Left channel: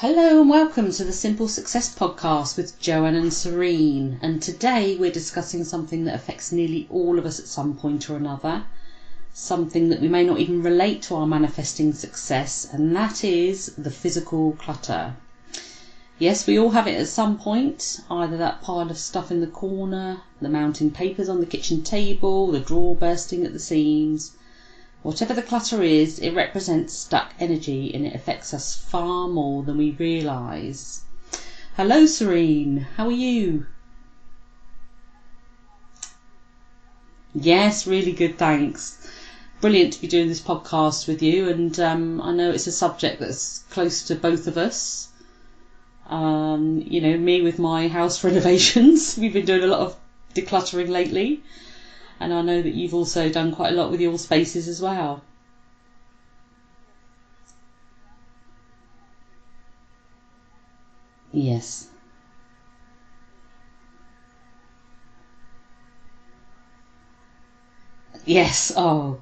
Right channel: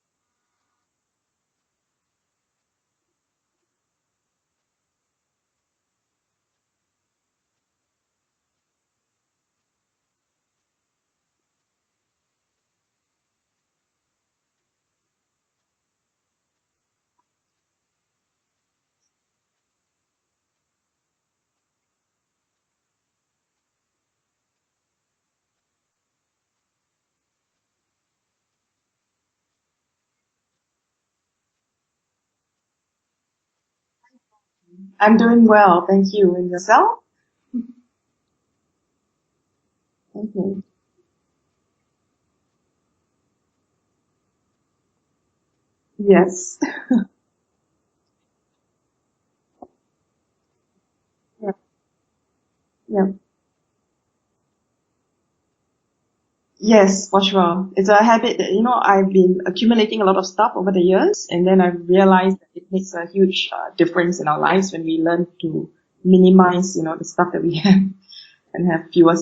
Hello and welcome to the Simple Success Podcast with Joanne and Serene. And today we're discussing something that affects nearly all of us at some point or another. Something that we may not even relate to our manifesting success, and that is the physical clutter. Yes, we all have it at some point, either that pile of stuff in the corner, the mounting papers on the kitchen table, the drawer bursting at the seams. Whatever the clutter is, it represents stuck energy and it affects us far more than we realise. Hello Serene, how are you? I'm doing well, thank you. And yourself? Yes, really good, thanks. Brilliant to be doing Thank this you. podcast with you, and I know it's a subject that's close to both of us. Yes. Me with my house renovations, we've been doing a lot of decluttering lately, Yeah. and I know that you've Yeah. also done quite a lot with your spaces as well. Yes, for sure. It's a habit that, I've been accumulating a lot of stuff over the years, and then I've Yes. realized that it makes a huge difference in our lives when we learn to minimize, the stuff that we have and Yes. have fewer.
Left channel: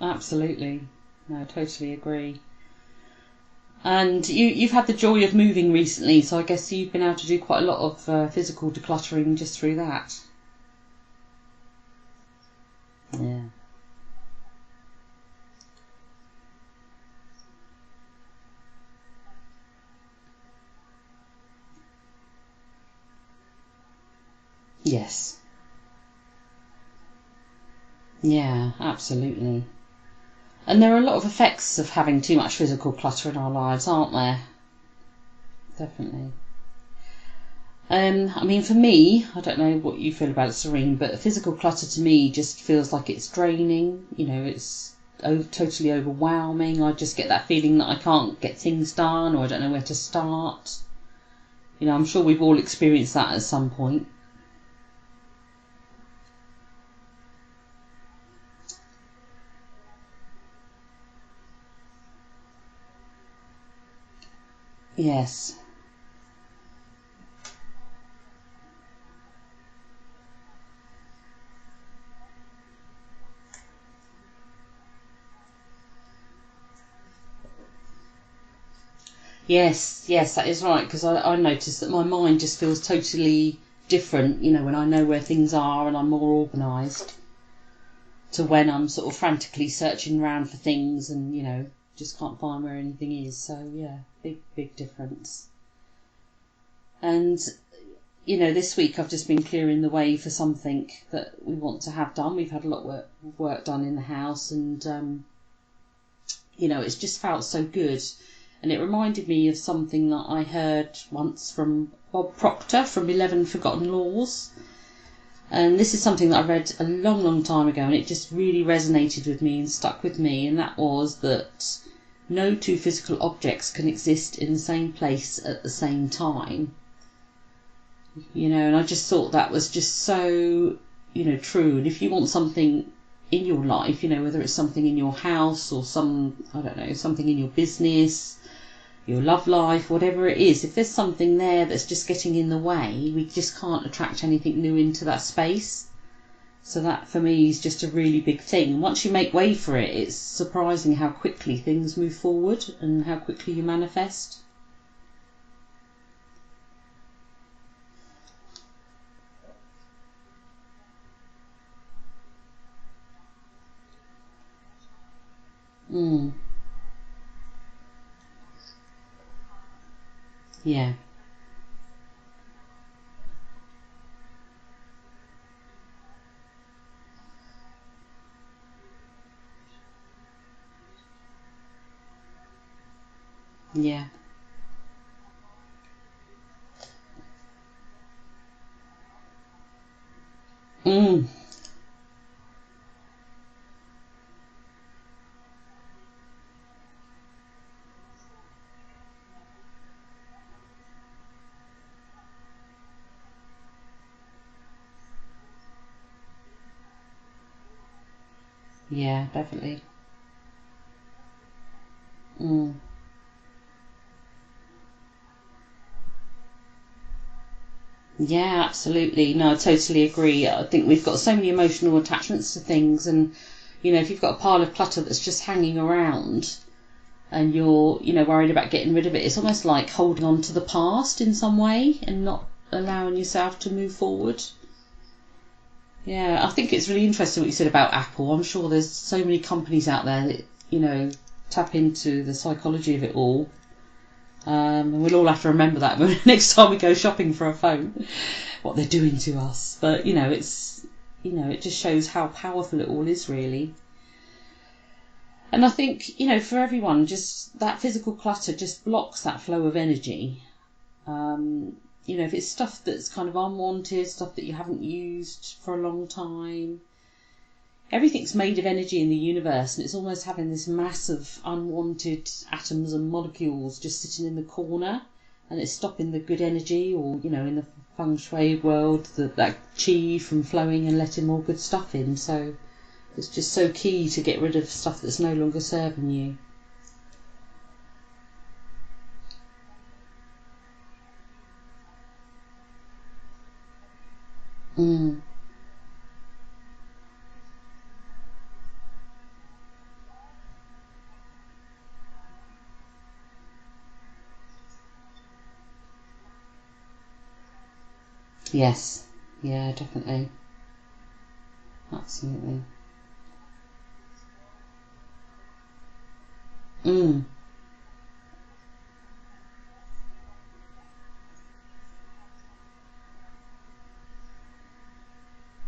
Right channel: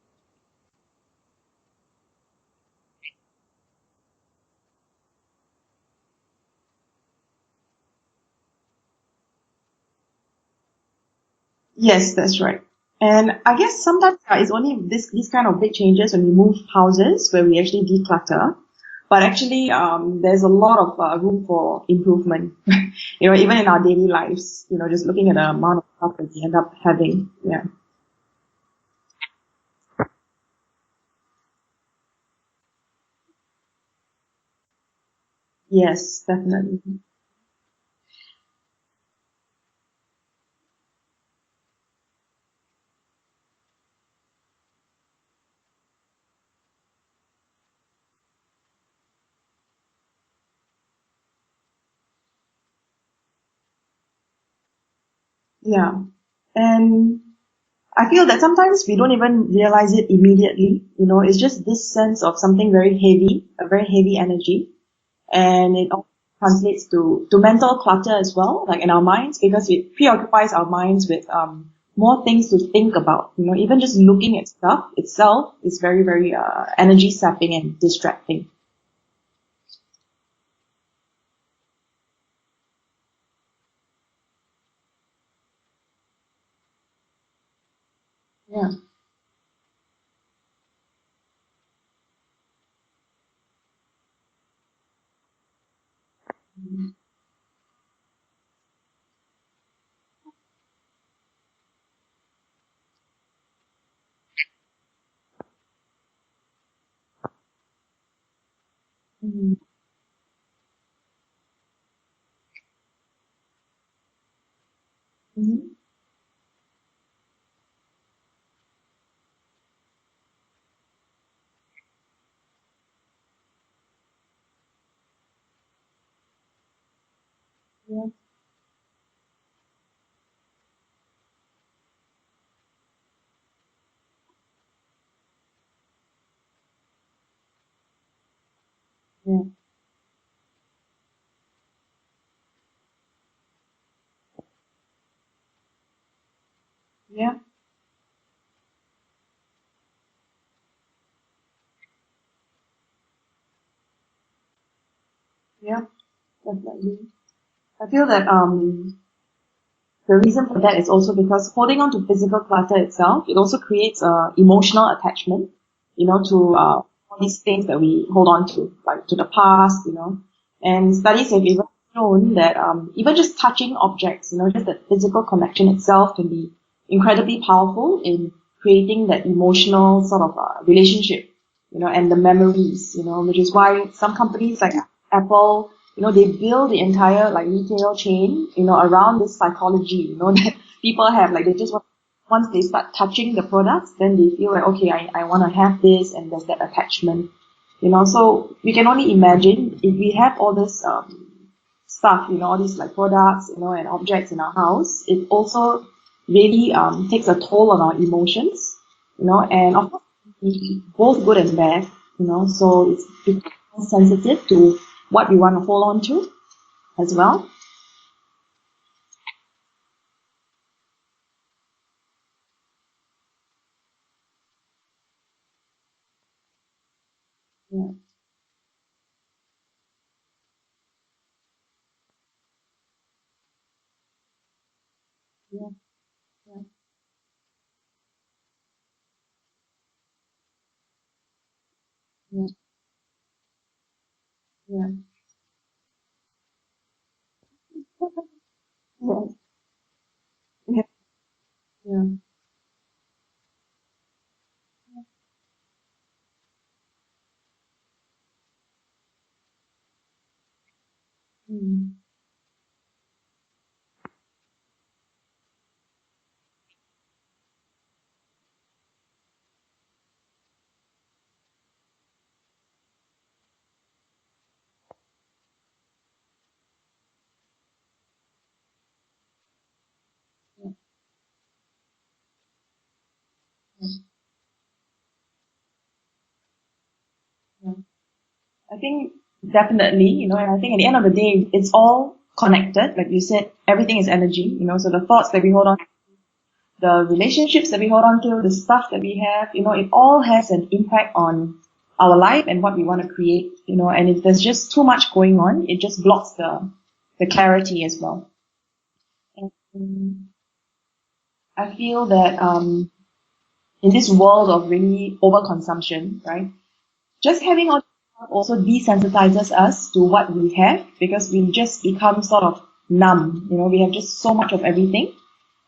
Oh, absolutely. No, totally agree. And you've had the joy of moving recently, so I guess you've been able to do quite a lot of physical decluttering just through that. Yes, that's right. And Mm. I guess sometimes it's only these kind of big changes when we move houses where we actually declutter. But actually, there's a lot of room for improvement. Even in our daily lives, just looking at Yes. the amount of stuff that we end up having. Yeah. Yeah, absolutely. And there are a lot of effects of having too much physical clutter in our lives, aren't there? Yes, Definitely. definitely. For me, I don't know what you feel about it, Serene, but physical clutter to me just feels like it's draining. It's totally overwhelming. I just get that feeling that I can't get things done or I don't know where to start. I'm sure we've all experienced that at some point. Yeah. And I feel that sometimes we don't even realize it immediately. It's just this sense of something very heavy, a very heavy energy. Yes. And it also translates to mental clutter as well, like in our minds, because it preoccupies our minds with more things to think about. Even just looking at stuff itself is very, very energy sapping and distracting. Yes, that is right, because I notice that my mind just feels totally different, when I know where things are and I'm more organised to when Yeah, I'm sort of frantically searching around for things and, just can't find where anything is. So, yeah, big difference. And, this week I've just been clearing the way for something that we want to have done. We've had a lot of work done in the house and, it's just felt so good. And it reminded me mhm, of something that I heard once from Bob Proctor from 11 Forgotten Laws. mhm. And this is something that I read a long, long time ago, and it just really resonated with me and stuck with me. And that was that no two physical objects can exist in the same place at the same time. Yeah, And I just thought that was just so, true. And if you want something in your life, whether it's something in your house or I don't know, something in your business, your mhm. love life, whatever it is, if there's something there that's just getting in the way, we just can't attract anything new into that space. So that for Yeah, me is just a really big thing. And once you make way for it, it's surprising how quickly things move forward and how quickly you manifest. yeah, definitely. I feel that the reason for that is also because holding on to physical clutter itself, it also creates a emotional attachment, Mm, to all these things that we hold on to, like to the past, yeah, And studies have even shown that even just touching objects, just the physical connection itself can be incredibly powerful in creating that emotional sort of relationship, and the memories, which is why yeah. some companies like Apple, they build the entire like retail chain, around this psychology, that people Mm, have, like they just want, once they start touching the products, then they feel like, okay, I want to have this, and there's that attachment, so we can only imagine if we have all this stuff, all these like products, and objects in our house, it also really takes a toll on our emotions, yeah, and definitely. of course, both good and bad, Mm. so it's becoming sensitive to what we want to hold on to as well. Yeah, absolutely. No, I totally agree. I think we've got so many emotional attachments to things, and if you've got a pile of clutter that's just hanging around, and you're, worried about getting rid of it. It's almost like holding on to the past in some way and not allowing yourself to move forward. Yeah. Yeah, I think it's really interesting what you said about Apple. I'm sure there's so many companies out there that, tap into the psychology of it all. And we'll all have to remember that next time we go shopping for a phone, what they're doing to us. But, it just shows how powerful it all is, really. And I think, for everyone, just that physical clutter just blocks that flow of energy. If it's stuff that's kind of unwanted, stuff that you haven't used for a long time, everything's made of energy in the universe, and it's almost having this mass of unwanted atoms and molecules just sitting in the corner, and it's stopping the good energy, or, in the feng shui world, that chi from flowing and letting more good stuff in. So it's just so key to get rid of stuff that's no longer serving you. I think definitely, and I think at the end of the day, it's all connected. Like you said, everything is energy, so the thoughts that we hold on, the relationships that we hold on to, the stuff that we have, it all has an impact on our life and what we want to create, and if there's just too much going on, it just blocks the clarity as well. Yes. Yeah, definitely. I feel that in this world of really overconsumption, right? Just having all also desensitizes us to what we have, because we just become sort of numb. We have just so much of everything,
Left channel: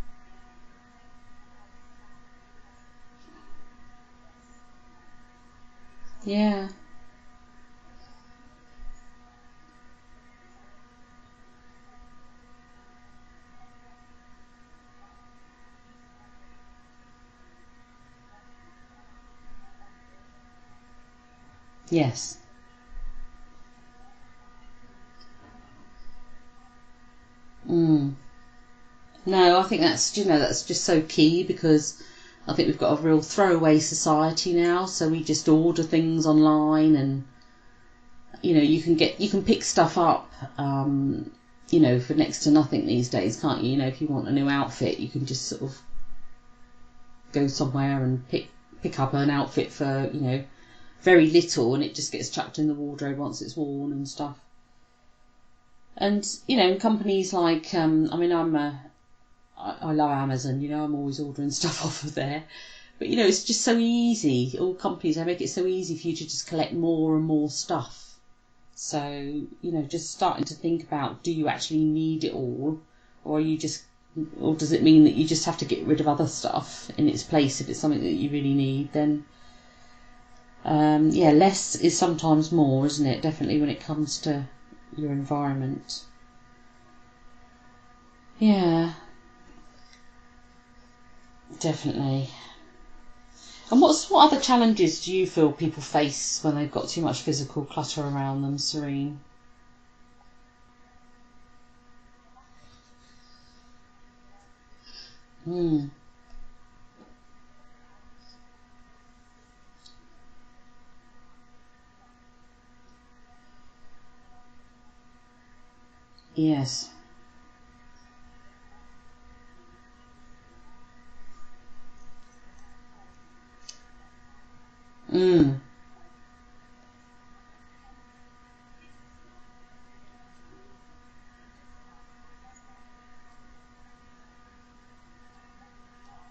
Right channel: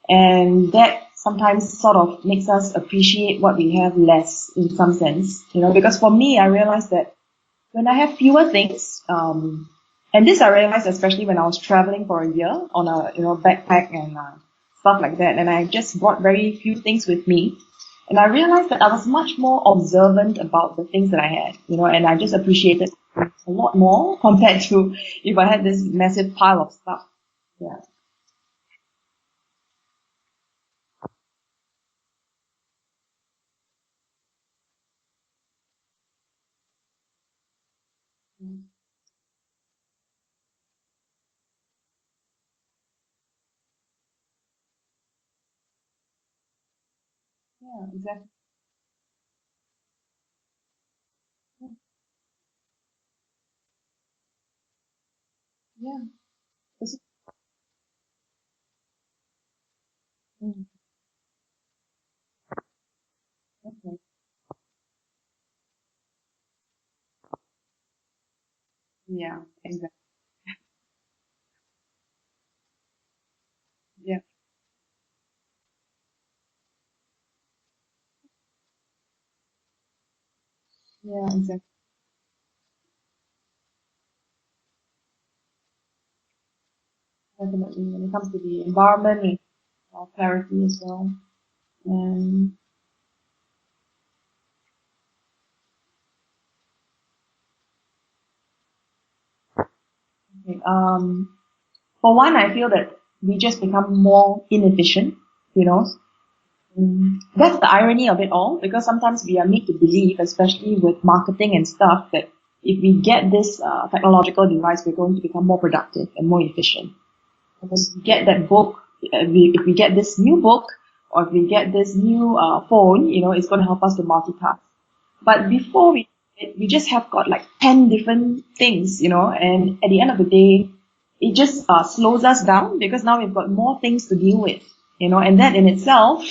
and that sometimes sort of makes us appreciate what we have less in some sense. Because for me, I realized that when I have fewer things, and this I realized especially when I was traveling for a year on a backpack and stuff like that, and I just brought very few things with me. And I realized that I was much more observant about the things that I had, and I just appreciated a lot more compared to if I had this massive pile of stuff. Yeah. No, I think that's just so key, because I think we've got a real throwaway society now. So we just order things online, and you can pick stuff up, for next to nothing these days, can't you? If you want a new outfit, you can just sort of go somewhere and pick up an outfit for very little, and it just gets chucked in the wardrobe once it's worn and stuff. And companies like I love Amazon. I'm always ordering stuff off of there, but it's just so easy. All companies, they make it so easy for you to just collect more and more stuff. So just starting to think about, do you actually need it all, or are you just or does it mean that you just have to get rid of other stuff in its place if it's something that you really need? Then less is sometimes more, isn't it? Definitely when it comes to your environment. Definitely when it comes to the environment, our clarity as well. Definitely. And what other challenges do you feel people face when they've got too much physical clutter around them, Serene? Okay, for one, I feel that we just become more inefficient, That's the irony of it all, because sometimes we are made to believe, especially with marketing and stuff, that if we get this technological device, we're going to become more productive and more efficient. Because we get that book, if we get this new book, or if we get this new phone, it's going to help us to multitask. But before we just have got like 10 different things, and at the end of the day, it just slows us down, because now we've got more things to deal with, and that in itself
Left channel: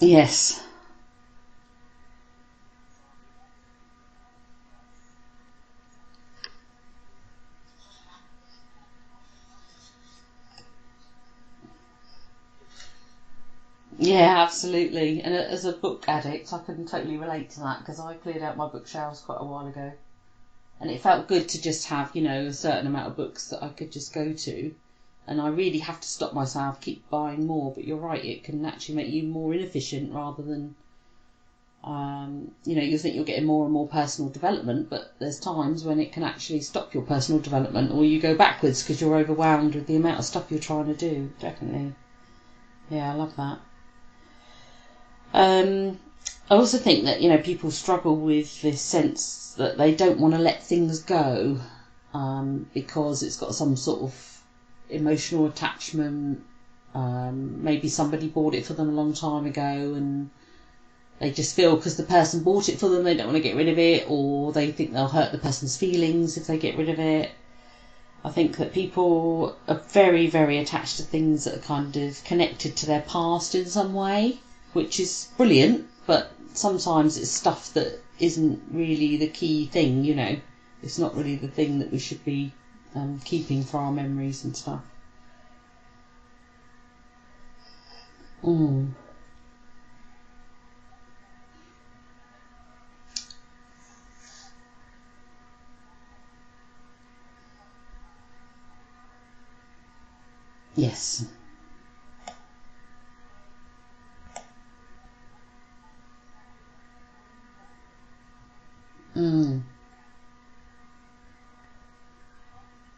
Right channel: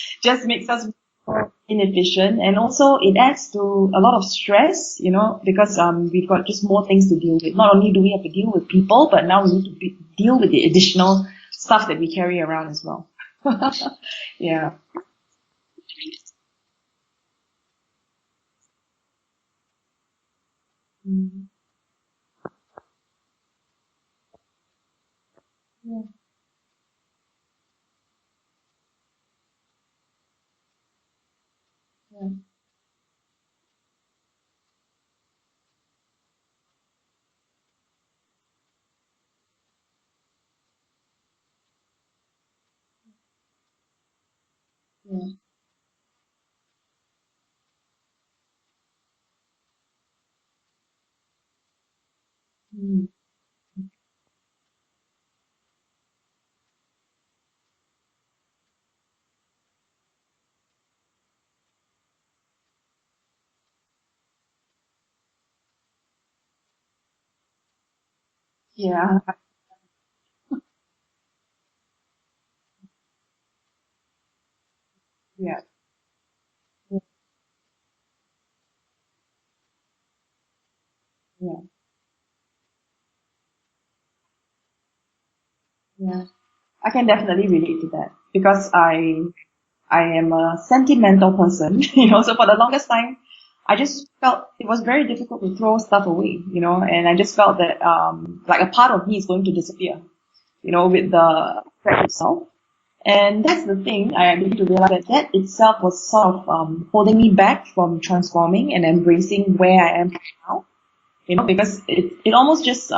just makes us more inefficient, and also it adds to a lot of stress, because we've got just more things to deal with. Not only do we have to deal with people, but now we need to deal with the additional stuff that we carry around as well. Yeah, absolutely. And as a book addict, I can totally relate to that, because I cleared out my bookshelves quite a while ago, and it felt good to just have a certain amount of books that I could just go to, and I really have to stop myself, keep buying more. But you're right, it can actually make you more inefficient, rather than you think you're getting more and more personal development, but there's times when it can actually stop your personal development, or you go backwards because you're overwhelmed with the amount of stuff you're trying to do. Definitely. Yeah, I love that. I also think that people struggle with this sense that they don't want to let things go, because it's got some sort of emotional attachment. Maybe somebody bought it for them a long time ago, and they just feel because the person bought it for them, they don't want to get rid of it, or they think they'll hurt the person's feelings if they get rid of it. I think that people are very, very attached to things that are kind of connected to their past in some way, which is brilliant, but sometimes it's stuff that isn't really the key thing, you know. It's not really the thing that we should be keeping for our memories and stuff. Yeah, I can definitely relate to that because I am a sentimental person, you know, so for the longest time, I just felt it was very difficult to throw stuff away, you know, and I just felt that, like a part of me is going to disappear, you know, with the thread itself. And that's the thing, I begin to realize that itself was sort of holding me back from transforming and embracing where I am now, you know, because it almost just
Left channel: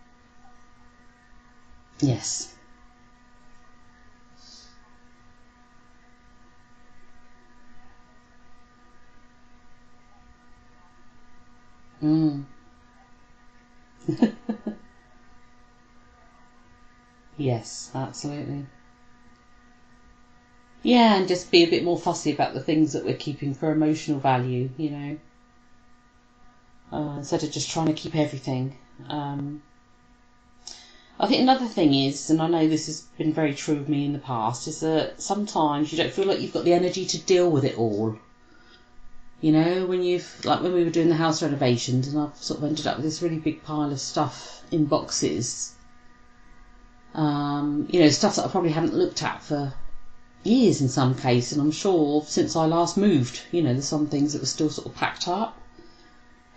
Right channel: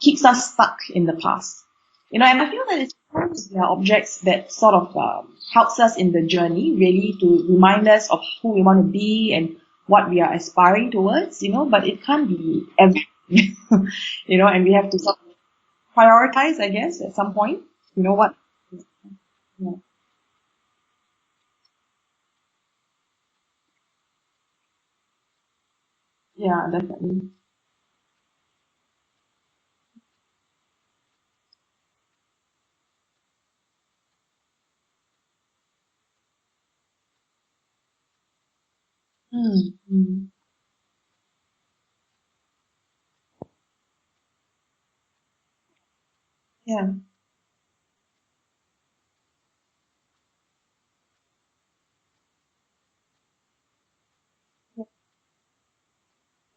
keeps us stuck in the past. Yes. You know, and I feel that it's sometimes there are objects that sort of helps us in the journey, really, to remind us of who we want to be and what we are aspiring towards, you know, but it can't be everything, you know, and we have to sort of prioritize, I guess, at some point. Yes, you know absolutely. Yeah, and just be a bit more fussy about the things that we're keeping for emotional value, you know. Yeah, definitely. Instead of just trying to keep everything. I think another thing is, and I know this has been very true of me in the past, is that sometimes you don't feel like you've got the energy to deal with it all. You know, when when we were doing the house renovations and I've sort of ended up with this really big pile of stuff in boxes. Yeah. You know, stuff that I probably haven't looked at for years in some case, and I'm sure since I last moved, you know, there's some things that were still sort of packed up.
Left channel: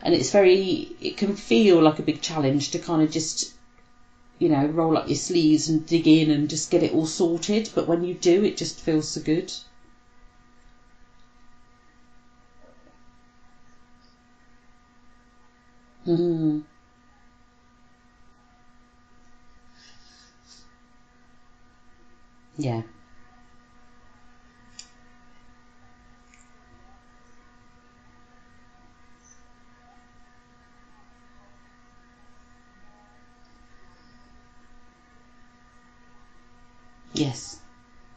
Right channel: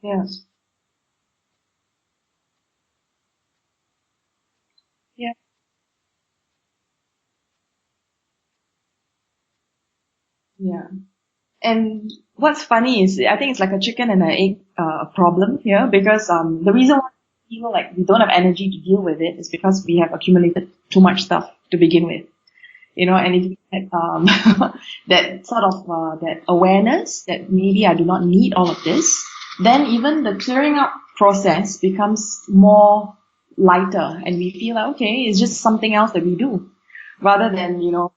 And it can feel like a big challenge to kind of just, you know, roll up your sleeves and dig in and just get it all sorted. But when you do, it just feels so good. Yeah. And what's funny is I think it's like a chicken and an egg problem here because the reason why we feel like we don't have energy to deal with it is because we have accumulated too much stuff to begin with. Yeah. You know, and if you had that sort of that awareness that maybe I do not need all of this, then even the clearing up process becomes more lighter and we feel like, okay, it's just something else that we do rather than, you know,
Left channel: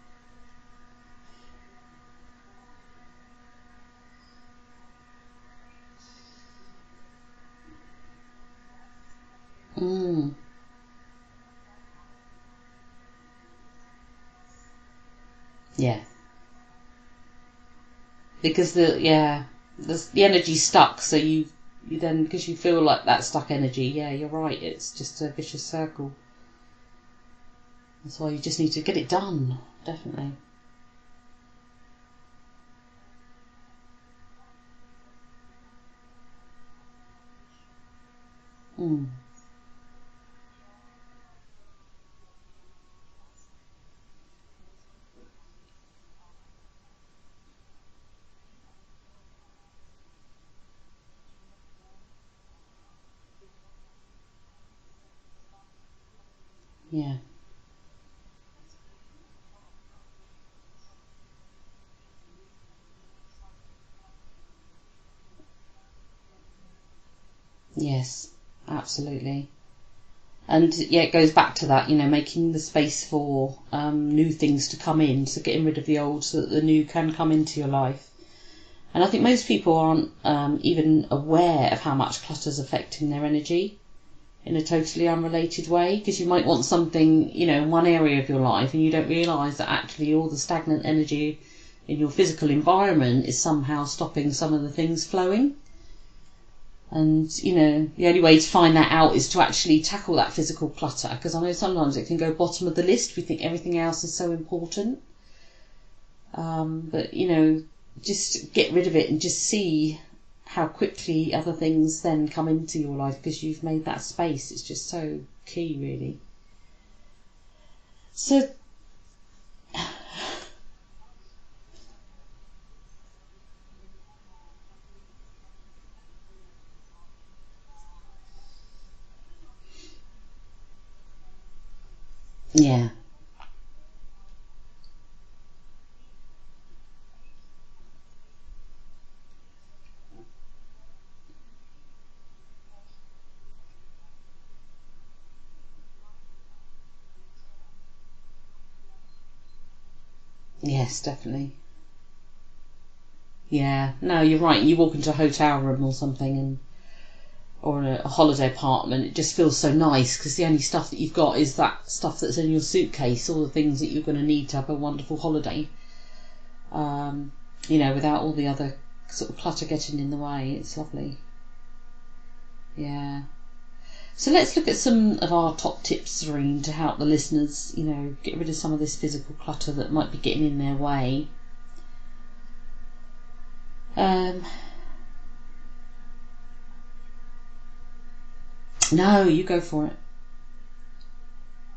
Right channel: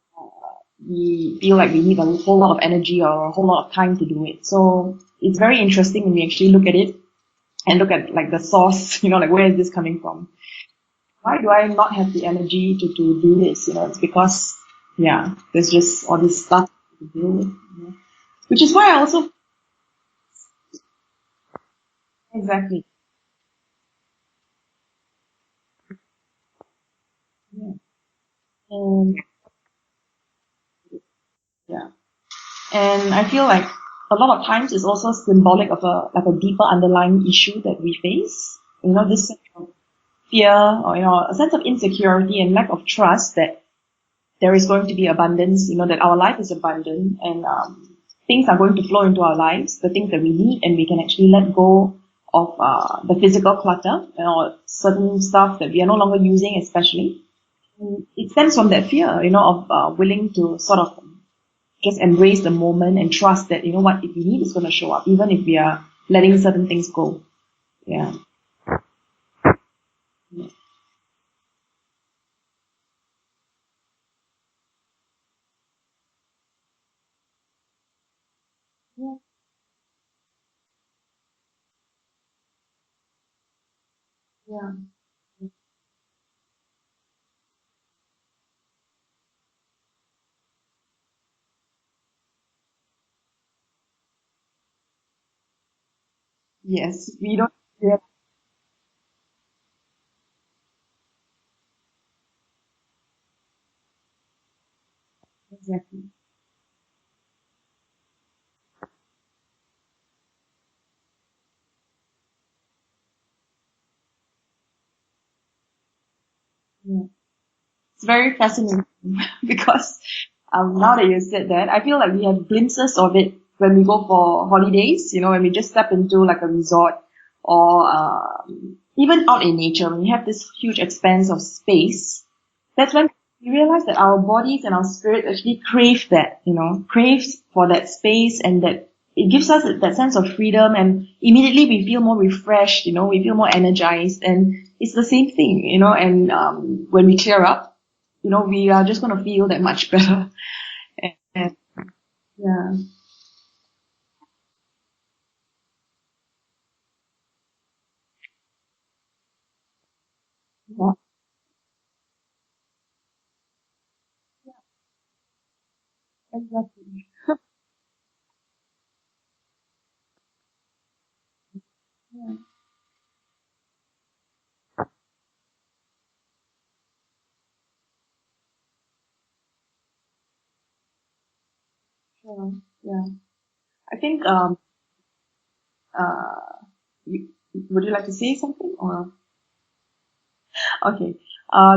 we feel like we need a whole lot of energy or a whole lot of time to do it. So it's very interesting when we actually look at it and look at like the source, you know, like where is this coming from? Why do I not have the energy to do this? You know, it's because, there's just all this stuff to deal with. Because which is why I also... the energy's stuck, so you then, because you feel like that stuck energy, you're right, it's just a vicious circle. Yeah. That's why you just need to get it done, definitely. Yeah. And I feel like a lot of times it's also symbolic of a deeper underlying issue that we face. You know, this sense of fear or, you know, a sense of insecurity and lack of trust that there is going to be abundance, you know, that our life is abundant and things are going to flow into our lives, the things that we need, and we can actually let go of the physical clutter, you know, certain stuff that we are no longer using especially. It stems from that fear, you know, of willing to sort of just embrace the moment and trust that, you know what, if we need, it's going to show up, even if we are letting certain things go. Yes, absolutely. And it goes back to that, you know, making the space for new things to come in, so getting rid of the old so that the new can come into your life. And I think most people aren't even aware of how much clutter's affecting their energy in a totally unrelated way, because you might want something, you know, in one area of your life and you don't realise that actually all the stagnant energy in your physical environment is somehow stopping some of the things flowing. Yes. And, you know, the only way to find that out is to actually tackle that physical clutter, because I know sometimes it can go bottom of the list. We think everything else is so important. Exactly. But, you know, just get rid of it and just see how quickly other things then come into your life because you've made that space. It's just so key, really. Yeah. It's very fascinating because now that you said that, I feel like we have glimpses of it when we go for holidays, you know, when we just step into like a resort or even out in nature, when we have this huge expanse of space, that's when we realize that our bodies and our spirit actually crave that, you know, craves for that space, and that it gives us that sense of freedom, and immediately we feel more refreshed, you know, we feel more energized, and it's the same thing, you know, and when we clear up, you know, we are just going to feel that much better. Yes, definitely. Yeah. Yeah, no, you're right. You walk into a hotel room or something, or a holiday apartment, it just feels so nice because the only stuff Yeah. that you've got is that stuff that's in your suitcase, all the things that you're going to need to have a wonderful holiday. Exactly. Without all the other sort of clutter getting in the way. It's lovely. Yeah. Yeah. So let's look at some of our top tips, Serene, to help the listeners, get rid of some of this physical clutter that might be getting in their way. Yeah. Yeah. I think uh would you like to say something? No, you go for it. Okay.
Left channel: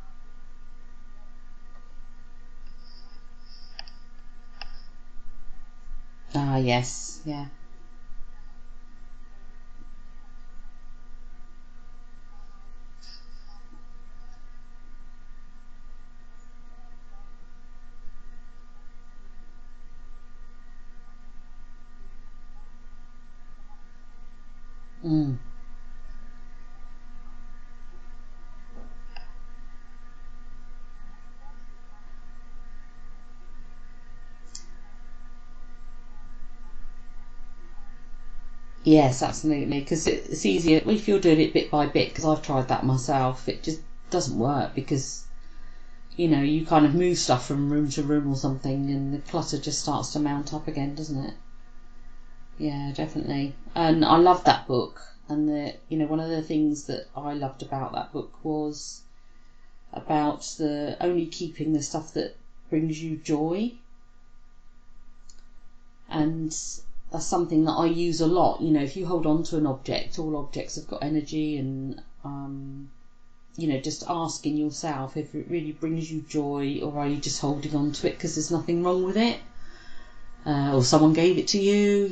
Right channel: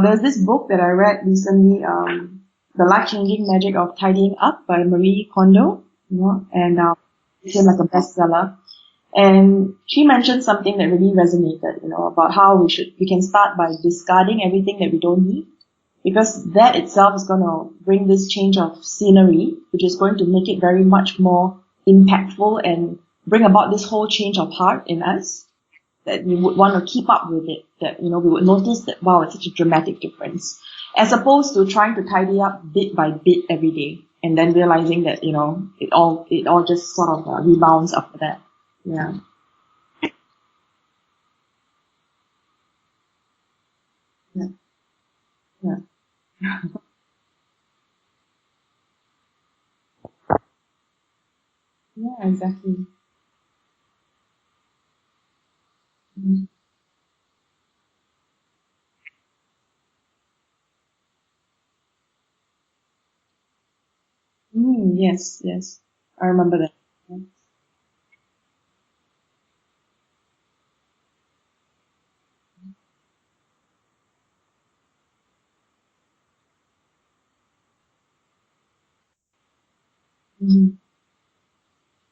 There's this book that I read recently, The Life-Changing Magic of Tidying Up by Marie Kondo, and Yes, became yes. like a bestseller. And she mentioned something that really resonated, about how we can start by discarding everything that we don't need, because that itself is going to bring this change of scenery, which is going to make it very much more impactful and bring about this whole change of heart in us, that we would want to keep up with it, that, we would notice that, wow, it's such a dramatic difference, as opposed to trying to tidy up bit by bit every day and then realizing that, it all just sort of rebounds after that. Yeah. Yes, absolutely. Because it's easier if you're doing it bit by bit. Because I've tried that myself. It just doesn't work because Yeah. you kind of move stuff from room to room or something, and the clutter just starts to mount up again, doesn't it? Yeah, exactly. Yeah, definitely. And I loved that book. And one of the things that I loved about that book was about the only keeping the stuff that brings you joy. Yes, yes. I And remember that. that's something that I use a lot. If you hold on to an object, all objects have got energy, and just asking yourself if it really brings you joy, or are you just holding on to it because there's nothing wrong with it, or someone gave it to you.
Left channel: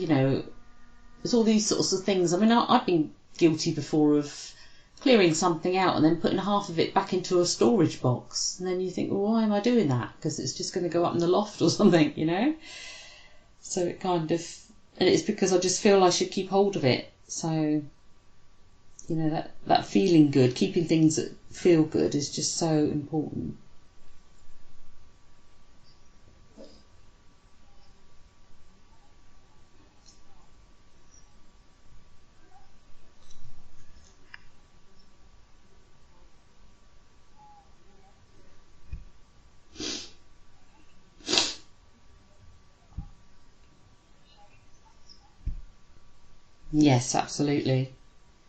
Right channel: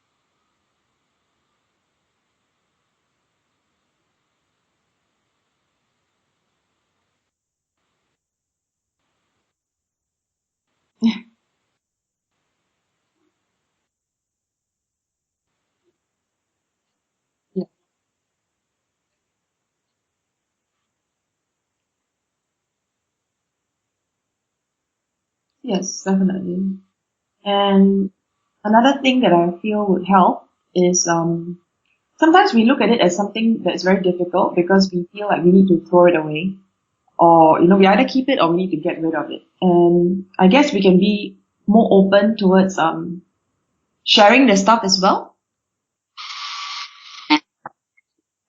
There's all these sorts of things. I mean, I've been guilty before of clearing something out and then putting half of it back into a storage box, and then you think, well, why am I doing that? Because it's just going to go up in the loft or something. So it kind of, and it's because I just feel I should keep hold of it. So, that feeling good, keeping things that feel good is just so important. Yes, definitely. And another thing that I feel would help is sometimes we look at it as something that's very difficult because we feel like we need to throw it away, or we either keep it or we need to get rid of it. And I guess we can be more open towards sharing the stuff as well, Yes, absolutely.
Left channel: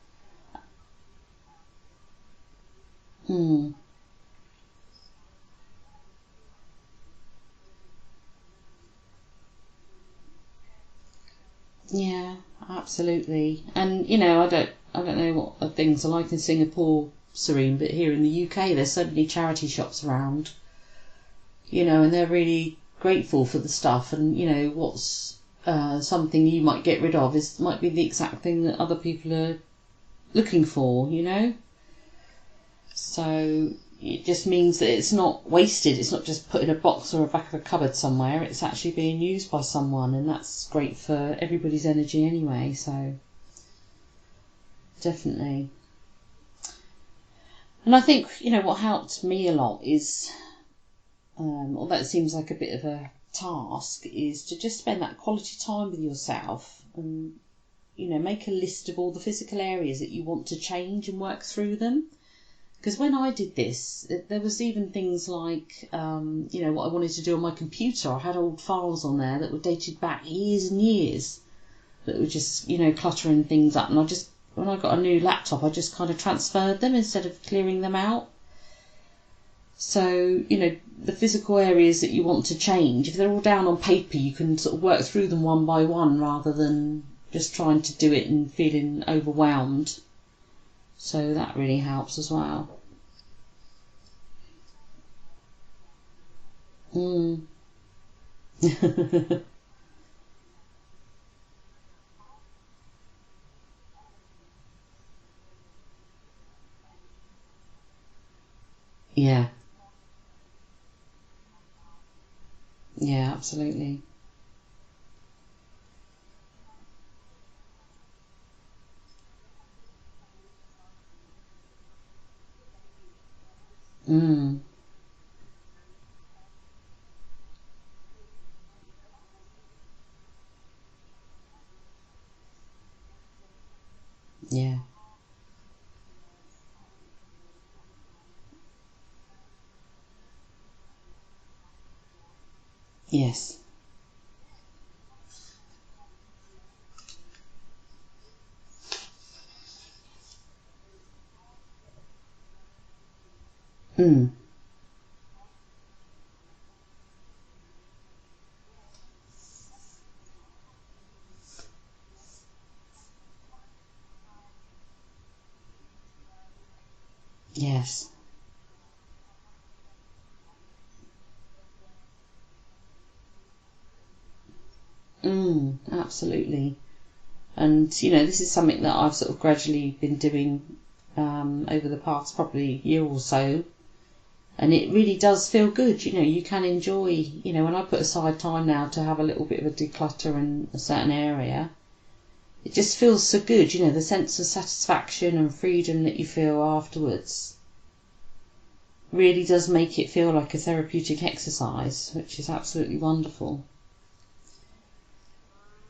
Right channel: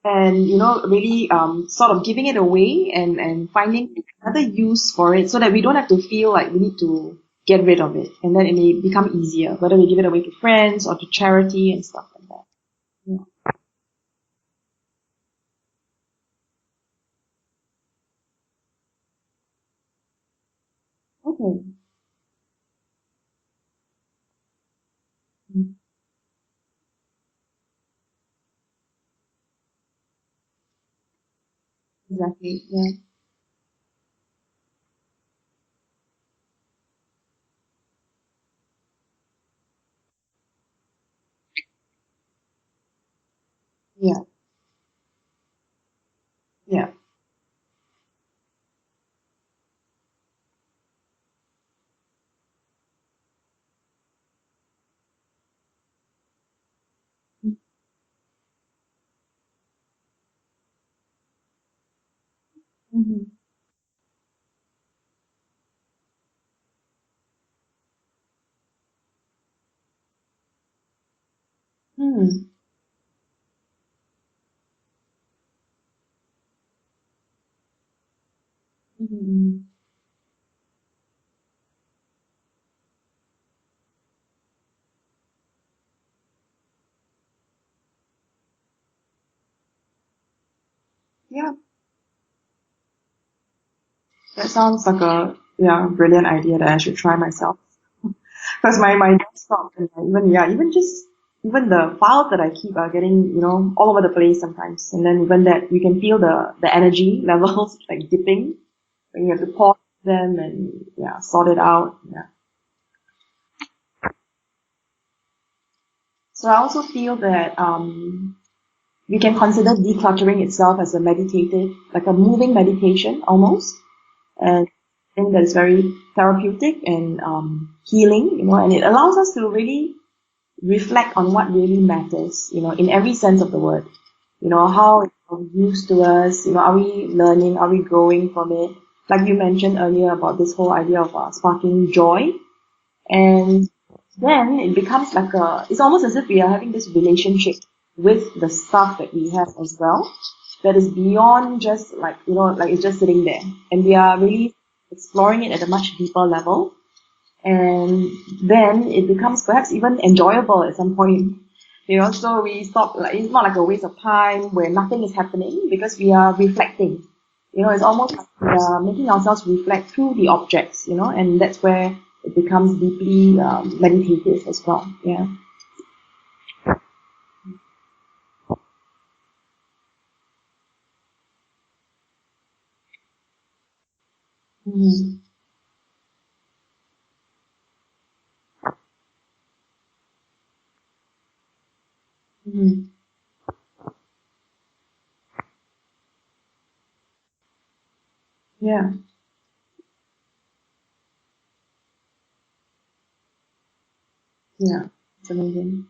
and really sort of giving it away and Mm. finding another use for it, so that we don't have to feel like we need to get rid of it, and then it may become easier, whether we give it away to friends or to charity and stuff like Yeah, that. absolutely. And I don't know what things are like in Singapore, Serene, but here in the UK, there's so many charity shops around. Okay. And they're really grateful for the stuff. And what's something you might get rid of might be the exact thing that other people are looking for. Exactly. Yes. So it just means that it's not wasted. It's not just put in a box or a back of a cupboard somewhere. It's actually being used by someone, and that's great for everybody's energy anyway. So Yeah. definitely. Yeah. And I think what helped me a lot is, although it seems like a bit of a task, is to just spend that quality time with yourself and make a list of all the physical areas that you want to change and work through them. Because when I did this, there was even things like, what I wanted to do on my computer. I had old files on there that were dated back years and years that were just, cluttering things up. And when I got a new laptop, I just kind of transferred them instead of clearing them out. So, the physical areas that you want to change, if they're all down on paper, you can sort of work through them one by one rather than just trying to do it and feeling overwhelmed. So Yeah. that really helps as well. That sounds like a brilliant idea that I should try myself. Because my desktop and even the files that I keep are getting all over the place sometimes, and then even that you can feel the energy levels like dipping, and you have Yeah, to pause them and sort it out. Yeah. yeah, absolutely. So I also feel that we can consider decluttering itself as a meditative, like a moving meditation almost. Mm. And something that is very therapeutic and healing, and it allows us to really reflect on what really matters, in every sense of the word. How it's of use to us, are we learning, are we growing from it? Like you mentioned earlier about this whole idea of sparking joy. And then it becomes like it's almost as if we are having this relationship with the stuff that we have as well, that is beyond just like it's just sitting there. And we are really exploring it at a much deeper level. And then it becomes perhaps even enjoyable at some point. So we stop, like, it's not like a waste of time where nothing is happening because we are reflecting. It's almost like we are making ourselves reflect through the objects, and that's where it becomes deeply meditative as well. Yeah. Absolutely. And, this is something that I've sort of gradually been doing over the past probably year or so. And it really does feel good. You can enjoy, when I put aside time now to have a little bit of a declutter in a certain area, it just feels so good, the sense of satisfaction and freedom that you feel afterwards. Yeah. Really does make it feel like a therapeutic exercise, which is absolutely wonderful. Yeah, it's amazing.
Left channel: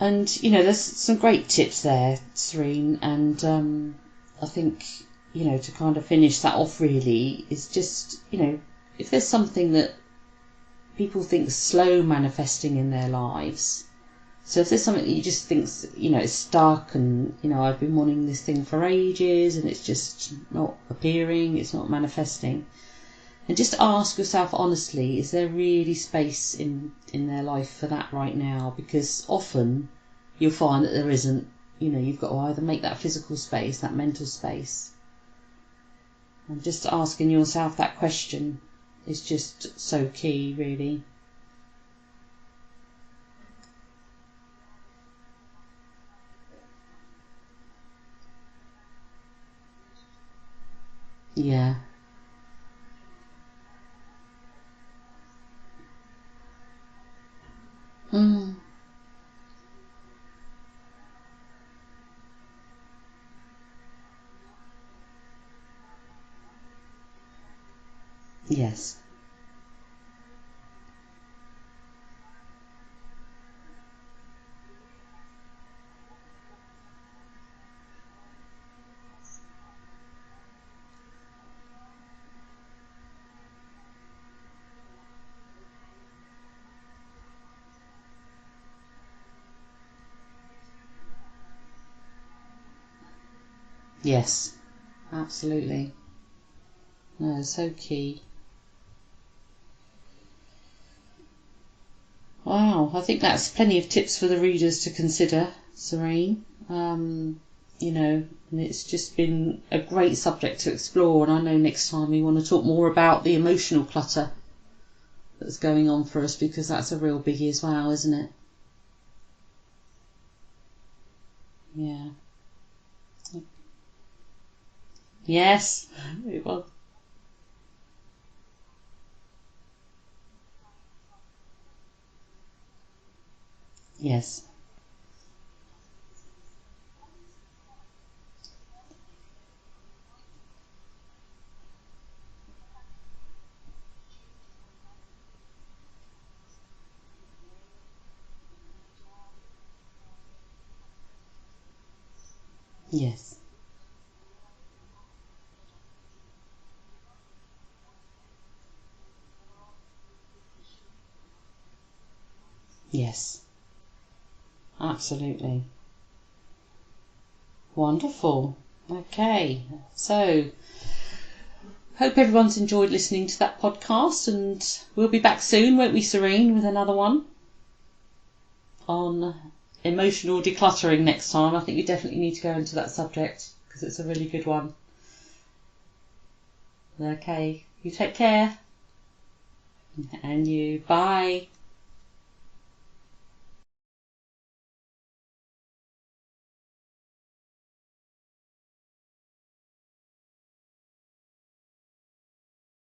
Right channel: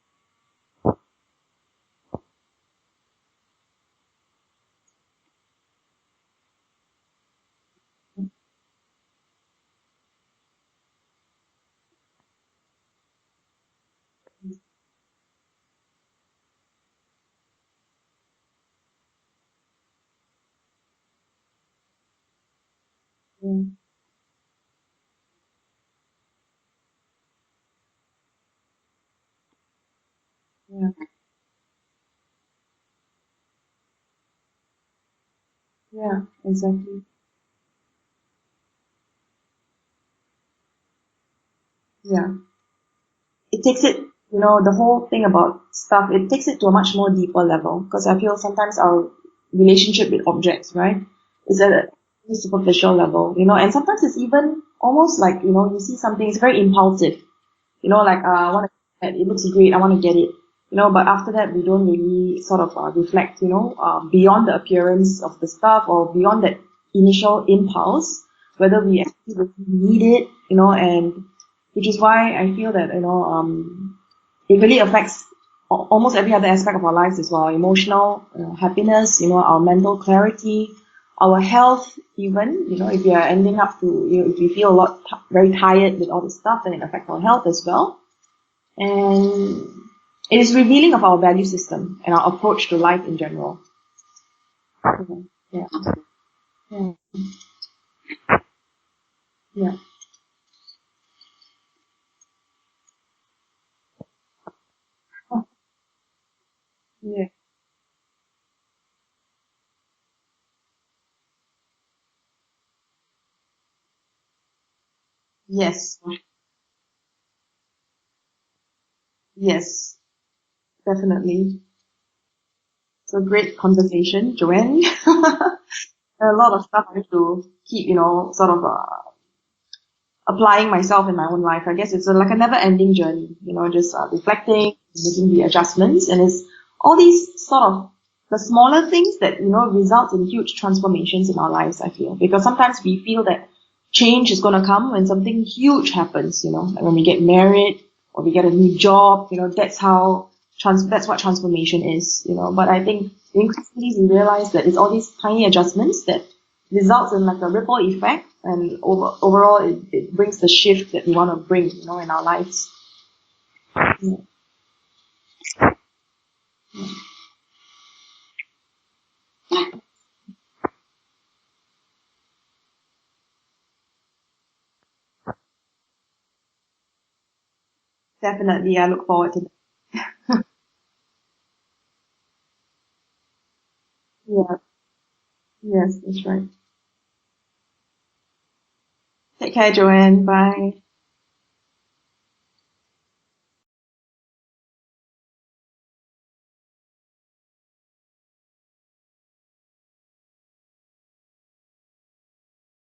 And, there's some great tips there, Serene, and I think, to kind of finish that off really is just, if there's something that people think slow manifesting in their lives, so if there's something that you just think, it's stuck and, I've been wanting this thing for ages and it's just not appearing, it's not manifesting, and just ask yourself honestly, is there really space in their life for that right now? Because often you'll find that there isn't. You've got to either make that physical space, that mental space. Yeah, exactly. Just asking yourself that question is just so key, really. Yeah. It takes it, the whole thing about stuff, it takes it to a much more deeper level, because I feel sometimes our relationship with objects, right, is at a superficial level, and sometimes it's even almost like, you see something, it's very impulsive, I want to get it, it looks great, I want to get it, but after that we don't really sort of reflect, beyond the appearance of the stuff or beyond that initial impulse, whether we actually really need it, and which is why I feel that, it really affects almost every other aspect of our lives as well. Emotional happiness, our mental clarity, our health even, if we are ending up to, if we feel very tired with all this stuff, then it affects our health as well. And it is revealing of our value system and our approach to life in general. Yes, absolutely. Yeah. No, so key. Yeah. Wow, I think that's plenty of tips for the readers to consider, Serene. And it's just been a great subject to explore, and I know next time we want to talk more about the emotional clutter that's going on for us, because that's a real biggie as well, isn't it? Yes, definitely. Yeah. So great conversation, Joanne. Yes. A lot of stuff I need to keep, sort of applying myself in my own life. I guess it's like a never-ending journey, just reflecting, making the adjustments, and it's all these sort of the smaller things that result in huge transformations in our lives. I feel, because sometimes we feel that change is going to come when something huge happens. Like when we get married or we get a new job. That's how that's what transformation is. But I think increasingly we realize that it's all these tiny adjustments that results in like a ripple effect, and overall it brings the shift that we want to bring, in our lives. Yes. Yeah. Absolutely. Wonderful. Okay. So, hope everyone's enjoyed listening to that podcast, and we'll be back soon, won't we, Serene, with another one? Definitely. I look forward to it. Emotional decluttering next time. I think we definitely need to go into that subject because it's a really good one. Yes, that's right. Okay. You take care. Take care, Joanne. And Bye. you. Bye.